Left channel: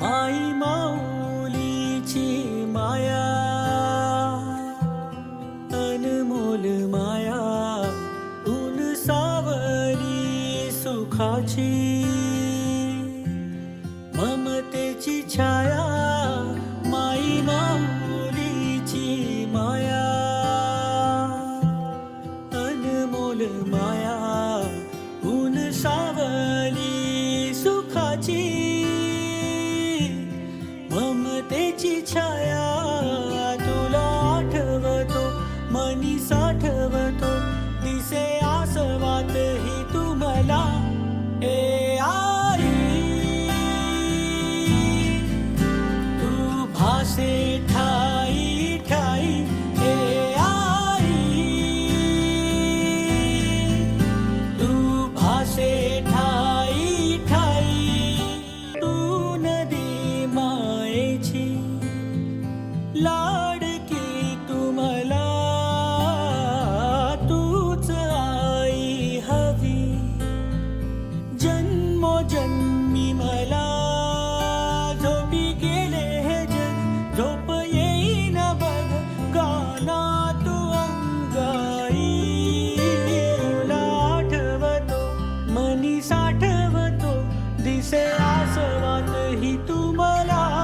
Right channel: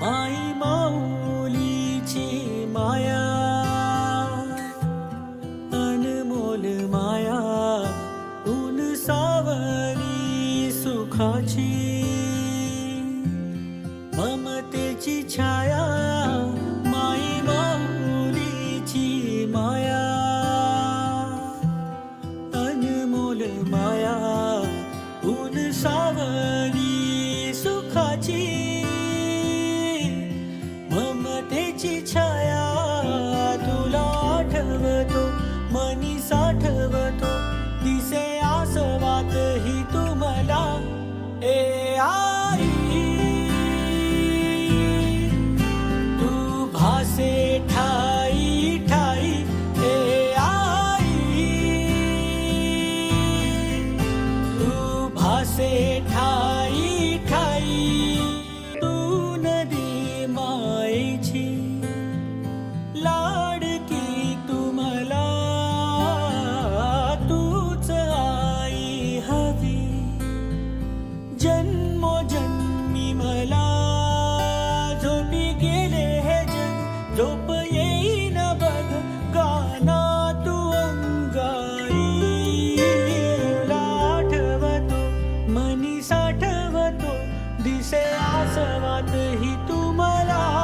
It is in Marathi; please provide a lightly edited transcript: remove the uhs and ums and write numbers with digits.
माई माऊलीची माया, अनमोल माया, ऊन सावली सुखाची, ममतेची छाया, माई माऊलीची माया, अनमोल माया, ऊन सावली सुखाची, ममतेची छाया. तुला आठवतो मनी साठवतो, दिसे आसवात ही तू मला. ए आई तू भासे ठाई ठाई. ए आई तू भासे ठाई ठाई. तू नदी मायेची लाडकी तू मला, तूच आई हवी जन्मोजन्मी मला. झोपी गेले हे जग झोप येईन बघ, गाना तू अंगाई. तुला आठवतो मनी साठवतो, दिसे आसवात ही तू मला.